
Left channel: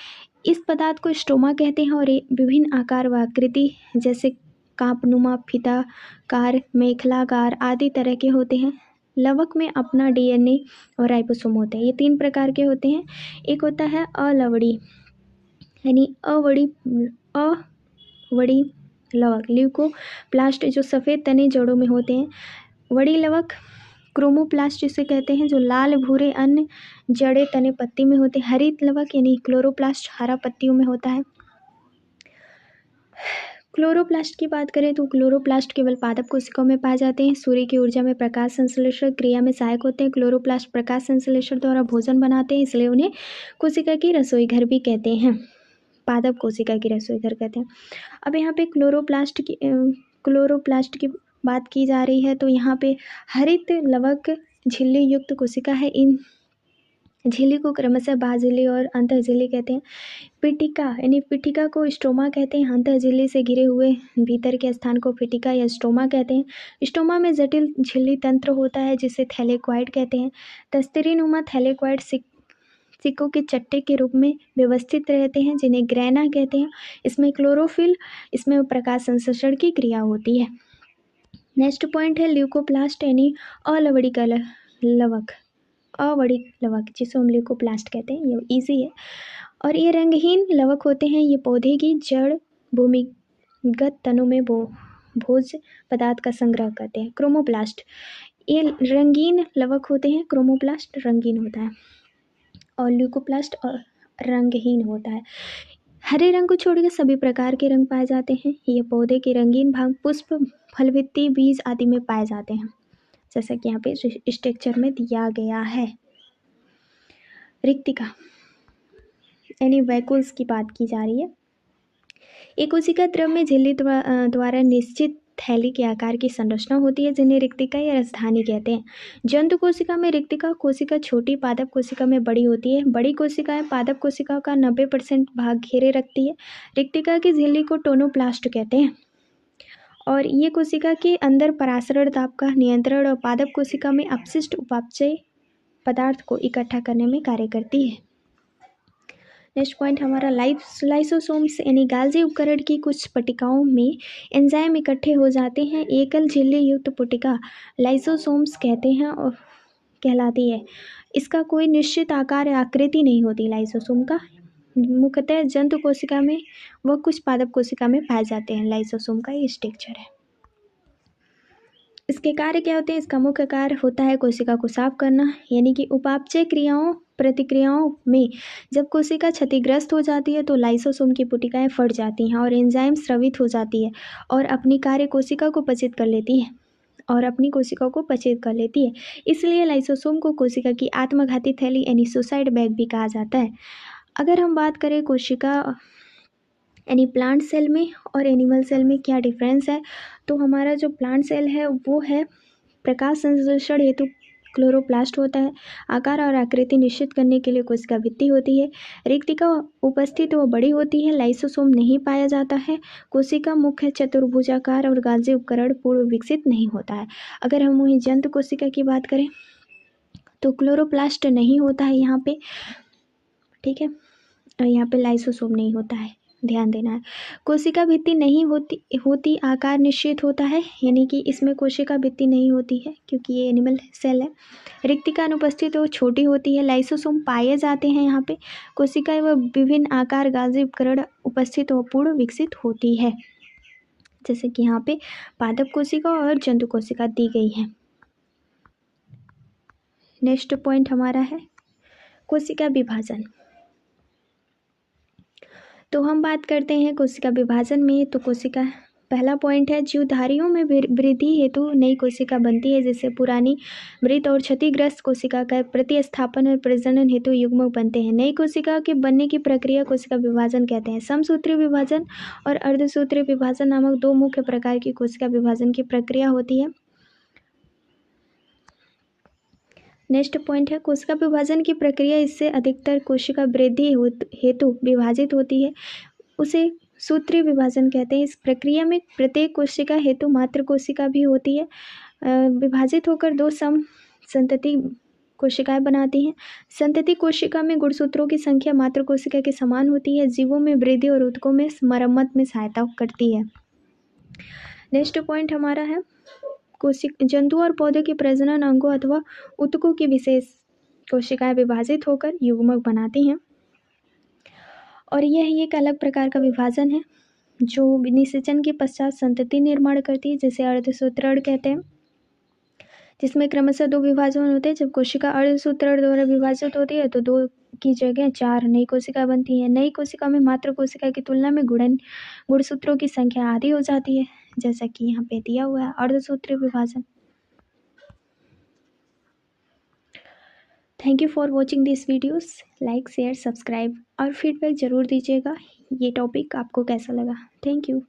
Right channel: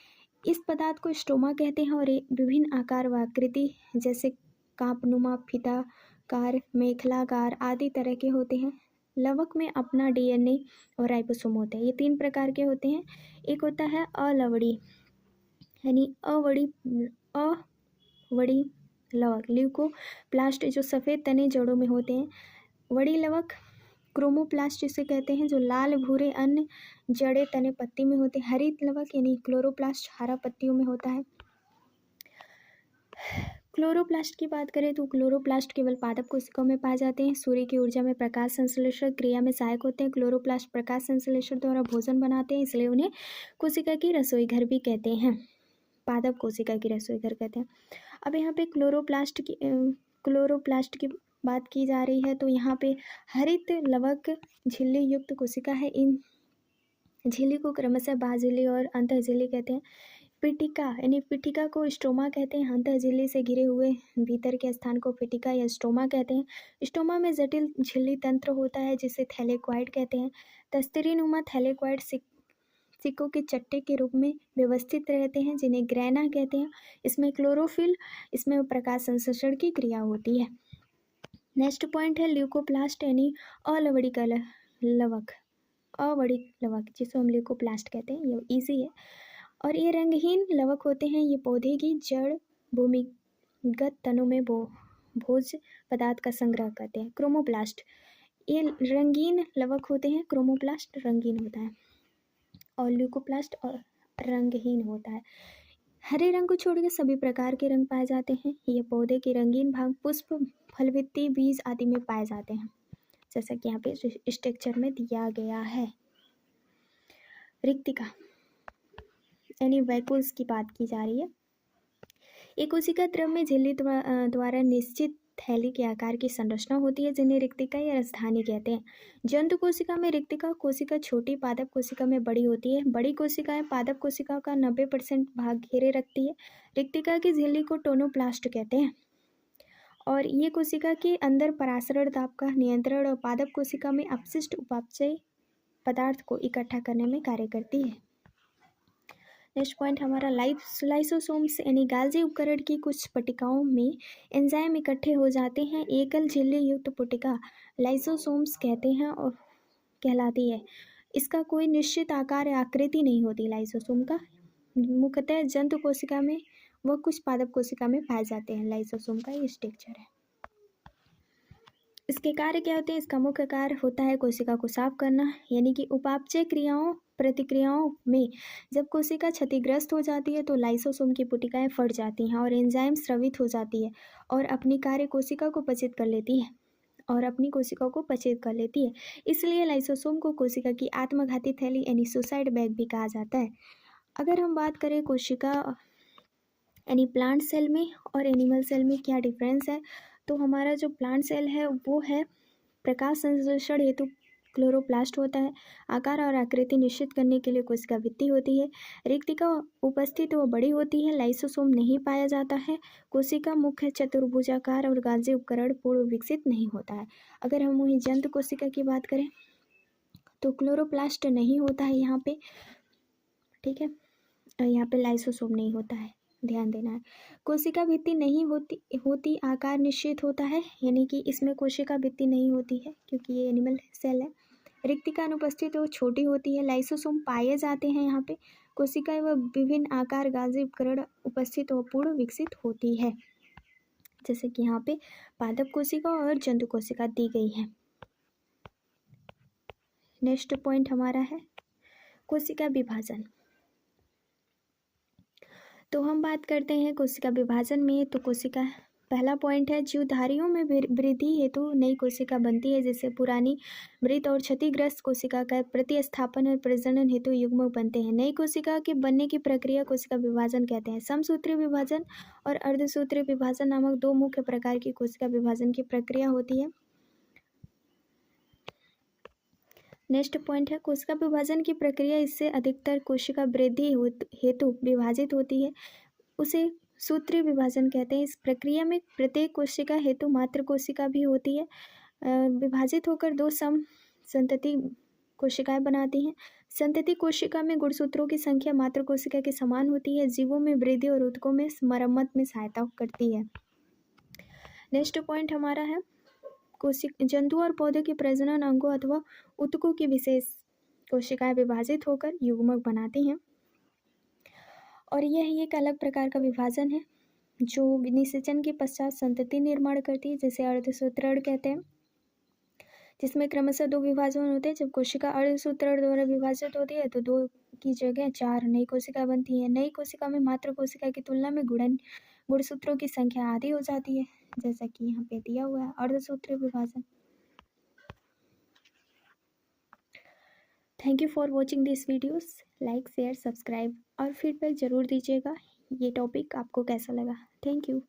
इस पदार्थ को स्टोमा कहते हैं, और ये विभिन्न आकार व आकृति जैसे कांपनुमा, फीताकार, मेखलाकार आदि तरह के होते हैं। लवक में अपना डीएनए और राइबोसोम होते हैं। ये तीन प्रकार के होते हैं। एक होता है अलवड़ी यानी अवड़ी लवक, ल्यूकोप्लास्ट जो सफ़ेद तने जड़ों में होते हैं। वड़ी लवक क्रोमोप्लास्ट जिसे कहते हैं, जो लाल भूरे अन्य जड़े तने पत्ती में होते हैं। हरित लवक यानी क्लोरोप्लास्ट हरा पत्तियों में होता है। क्लोरोप्लास्ट की बात करें तो क्लोरोप्लास्ट केवल पादप कोशिकाओं में पाए जाते हैं। सूर्य की ऊर्जा में प्रकाश संश्लेषण क्रिया में सहायक होते हैं। क्लोरोप्लास्ट प्रकाश संश्लेषण द्वारा भोजन बनाते हैं, इसलिए उन्हें कोशिका की रसोई घर भी कहते हैं। पादप कोशिका की रसोई घर कहते हैं। अब यहाँ पे क्लोरोप्लास्ट की बात की जा रही है, तो यहाँ पे हरित लवक झिल्ली युक्त कोशिका है। इन झिल्ली को क्रमशः बाह्यझिल्ली और अंतःझिल्ली कहते हैं। पिटिका यानी पिटिका को स्टोमा कहते हैं। अंतःझिल्ली से घिरे हुए भीतर के स्थान को पिटिका या स्टोमा कहते हैं। स्टोमा में जटिल झिल्ली तंत्र होता है जिसे थैलेक्वाइड कहते हैं। तस्तरीनुमा थैलेक्वाइड सिक्कों के चट्टे के रूप में व्यवस्थित रहते हैं, जिन्हें ग्रैना कहते हैं। इसमें क्लोरोफिल, इसमें प्रकाश संश्लेषण की क्रिया होती है। नेक्स्ट पॉइंट है ल्यूकोप्लास्ट यानी अलवड़ी का लवक, अवड़ी लवक जिसे हम ल्यूकोप्लास्ट कहते हैं। ये इजी है। और ये रंगहीन लवक होते हैं। ये पौधे की जड़ भूमिगत तनों में भोज्य पदार्थ का संग्रह करते हैं। क्रोमोप्लास्ट ये रंगीन लवक होते हैं। क्रोमोप्लास्ट रंगीन होता है। और ल्यूकोप्लास्ट और रंगहीन होता है। हरे रंग को छोड़कर सभी प्रकार के रंग पाए जाते हैं। ये पौधे के रंगीन भाग पुष्प, फलवित्ती, बीज आदि में पाए जाते हैं, जैसा कि यहाँ पे स्ट्रक्चर में दिया गया है। रिक्तिका यानी वैक्यूल्स की बात की जा रही है। एक कोशिका द्रव में झिल्ली द्वारा निश्चित थैली के आकार की संरचना होती है, जिन्हें रिक्तिका या राजधानी कहते हैं। जंतु कोशिका में रिक्तिका कोशिका छोटी, पादप कोशिका में बड़ी होती है। बड़ी कोशिकाएं पादप कोशिका का 90% भाग घेरे रखती है। रिक्तिका की झिल्ली को टोनोप्लास्ट कहते हैं और ये कोशिका के अंदर परासरण दाब का नियंत्रण और पादप कोशिका में अपशिष्ट उपापचय पदार्थ को इकट्ठा करने में कार्य करती है। नेक्स्ट पॉइंट हमारा लाइसोसोम्स यानी गाल्जी उपकरण की कुछ पट्टिकाओं में एंजाइम इकट्ठे हो जाते हैं। एकल झिल्ली युक्त पट्टिका लाइसोसोम्स कहते हैं और कहलाती है। इसका कोई निश्चित आकार या आकृति नहीं होती। लाइसोसोम का मुख्यतः जंतु कोशिका में व कुछ पादप कोशिका में पाए जाते हैं। लाइसोसोम का ये स्ट्रक्चर है। इसके कार्य क्या होते हैं? इसका मुख्य कार्य होता है कोशिका को साफ करना, यानी कि उपापचय प्रतिक्रियाओं में जब कोशिका क्षतिग्रस्त हो जाती है तो लाइसोसोम की पुटिकाएं फट जाती हैं और एंजाइम स्रावित हो जाती है और अपनी कार्य कोशिका को पचित कर लेती है इसलिए लाइसोसोम को कोशिका की आत्मघाती थैली यानी सुसाइड बैग भी कहा जाता है। अगर हम बात करें कोशिका यानी प्लांट सेल में और एनिमल सेल में क्या डिफरेंस है, तो हमारा जो प्लांट सेल है वो है प्रकाश संश्लेषण हेतु क्लोरोप्लास्ट होता है। आकार और आकृति निश्चित करने के लिए कोशिका भित्ति होती है। रिक्तिका उपस्थित व बड़ी होती है। लाइसोसोम नहीं पाया जाता है। कोशिका मुख्य चतुर्भुजाकार और गाल्जी उपकरण पूर्व विकसित नहीं होता है। अगर हम वहीं जंतु कोशिका की बात करें तो क्लोरोप्लास्ट नहीं होता है यहाँ पे, ठीक है, और यहाँ पे लाइसोसोम नहीं होता है, ध्यान देना है। कोशिका भित्ति नहीं होती आकार निश्चित होता है, यानी कि इसमें कोशिका भित्ति नहीं होती है क्योंकि ये एनिमल सेल है। रिक्तिका अनुपस्थित वो छोटी होती है। लाइसोसोम पाए जाते हैं यहाँ पे। कोशिका व विभिन्न आकार गाल्जी उपकरण उपस्थित व पूर्ण विकसित होती है, जैसे कि यहाँ पे पादप कोशिका और जंतु कोशिका दी गई है। नेक्स्ट पॉइंट हमारा है कोशिका विभाजन। तो हम बात करते हैं कोशिका विभाजन में। तो कोशिका पहला पॉइंट है जीवधारियों में वृद्धि हेतु नई कोशिका बनती है, जिससे पुरानी मृत और क्षतिग्रस्त कोशिका का प्रतिस्थापन और प्रजनन हेतु युग्मक बनते हैं। नई कोशिका के बनने की प्रक्रिया कोशिका विभाजन कहते हैं। समसूत्री विभाजन और अर्धसूत्री विभाजन नामक दो मुख्य प्रकार की कोशिका विभाजन की प्रक्रिया होती है। नेक्स्ट पॉइंट है कोशिका विभाजन की प्रक्रिया इससे अधिकतर कोशिका वृद्धि हेतु विभाजित होती है, उसे सूत्रीय विभाजन कहते हैं। इस प्रक्रिया में प्रत्येक कोशिका हेतु मात्र कोशिका भी होती है, विभाजित होकर दो संतति कोशिकाएं बनाती हैं। संतति कोशिका में गुणसूत्रों की संख्या मात्र कोशिका के समान होती है। जीवों में वृद्धि और ऊतकों में मरम्मत में सहायता करती है। नेक्स्ट पॉइंट हमारा है जंतु और पौधों के प्रजनन अंगों अथवा ऊतकों की विशेष कोशिकाएं विभाजित होकर युग्मक बनाती हैं और यह एक अलग प्रकार का विभाजन है जो निषेचन के पश्चात संतति निर्माण करती है, जिसे अर्धसूत्रण कहते हैं, जिसमें क्रमशः दो विभाजन होते हैं। जब कोशिका अर्धसूत्रण द्वारा विभाजित होती है तो दो की जगह चार नई कोशिका बनती है। नई कोशिका में मात्र कोशिका की तुलना में गुणसूत्रों की संख्या आधी हो जाती है, जैसा कि यहाँ पे दिया हुआ है अर्धसूत्रीय विभाजन। Thank you for watching this videos. Like, share, subscribe और फीडबैक ज़रूर दीजिएगा। ये टॉपिक आपको कैसा लगा। Thank you.